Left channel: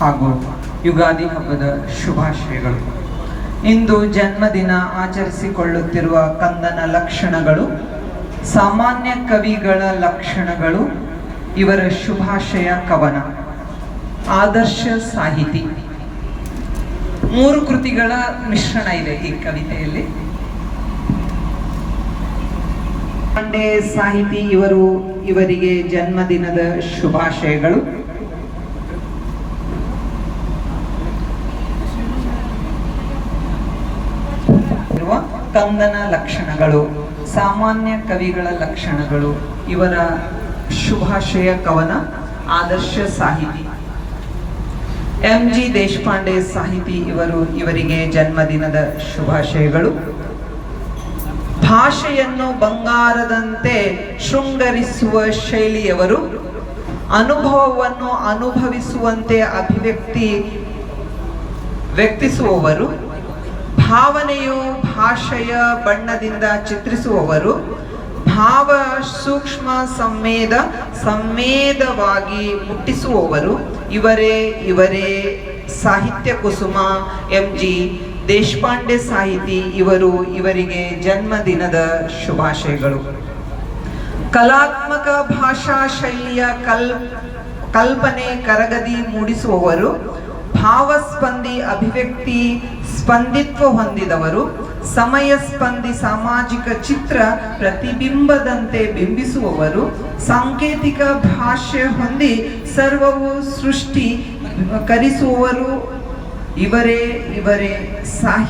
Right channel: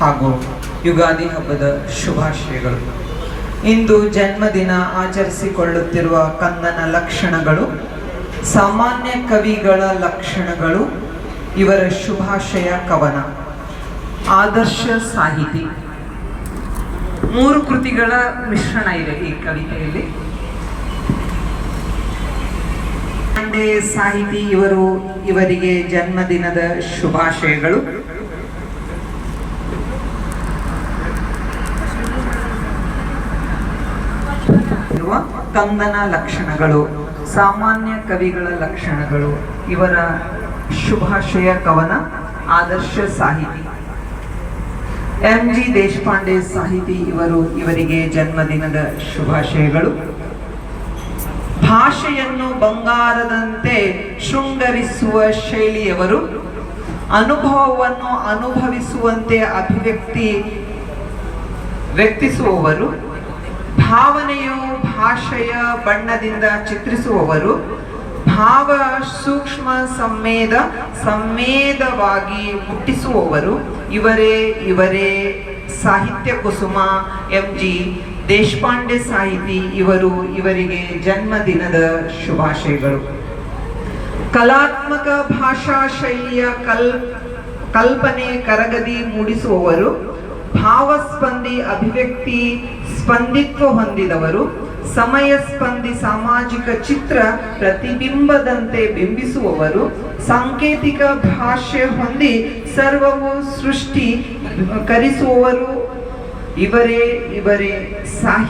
ಹಾಗೂ ಯುಗಾದಿ ಹಬ್ಬದ ಶುಭಾಶಯಗಳು. ಇಂದು ಜನ್ಮದಿನ ಆಚರಿಸಿಕೊಳ್ಳುತ್ತಿರುವ ಕಂದನ ಲಕ್ಷಣಗಳು, ಸಾಮಾನ್ಯ ಕವಿಗಳ ಲಕ್ಷಣಗಳು, ಇವರ ಶುಭಾಶಯ ಕವನ, ಆದರ್ಶ ಸಾಹಿತಿ. 3 ಕೃತಿಗಳ ಮಿಶ್ರಣ ಇದೆ ಈ ಕವಿತೆಯಲ್ಲಿ. ಪಾಂಡೆ ಸಾಹಿತಿ ಇವರಿಗೆ ಜನ್ಮದಿನದ ಶುಭಾಶಯಗಳು. ಕಂದನ ಲಕ್ಷಣಗಳು, ಸಾಮಾನ್ಯ ಕವಿಗಳ ಲಕ್ಷಣಗಳು, ಇವರ ಶುಭಾಶಯ ಕವನ, ಆದರ್ಶ ಸಾಹಿತಿ. ಎಂ.ಜಿ. ದೇಶಪಾಂಡೆ ಸಾಹಿತಿ ಇವರಿಗೆ ಜನ್ಮದಿನದ ಶುಭಾಶಯಗಳು. ಭಾಷೆಯನ್ನು ಬಂಗಾರದಂತೆ ಶೃಂಗರಿಸುವ ಶೈಲಿಯವರು, ಅನುಭವವನ್ನು ಅನುಭವಿಸುವಂತೆ ವ್ಯಕ್ತಿಸುವವರು, ಭಾವನೆಯು ಭಾಷೆಯ ಬಣ್ಣದಿಂದ ಚಿತ್ರಿಸುವವರು, ಭಾವ ಸೂಕ್ಷ್ಮ ಸಂವೇದವಾಗಿ ಮುಟ್ಟಿಸುವವರು, ಇವರೇ ಸಾಹಿತ್ಯ ಕುಸುಮ ಎಂ.ಜಿ. ದೇಶಪಾಂಡೆ ಸಾಹಿತಿ ಇವರಿಗೆ ಜನ್ಮದಿನದ ಶುಭಾಶಯಗಳು. ಕಲಾತ್ಮಕ ಭಾಷಾ ಶೈಲಿಯ ಕಲ್ಪನೆ ಕರಗದಿ ಮೂಡಿಸುವವರು, ಭಾವಸ್ಪಂದಿ ಅಭಿವ್ಯಕ್ತಿ ಸ್ಪಂದಿತ್ವ ಹೊಂದಿದವರು, ಸಮಯ ಸ್ಪಂದಿ ಸಾಮಾಜಿಕ ಚಿತ್ರ ಪ್ರತಿಬಿಂಬದಂತೆ ಬಿಂಬಿಸುವವರು, ಸಾಂಕೇತಿಕ ಭಾಷೆ ಹೊಂದಿ ಸರ್ವವು ಸೃಷ್ಟಿ ಕರಿಸುವವರು, ಇವರೇ ಸಾಹಿತ್ಯ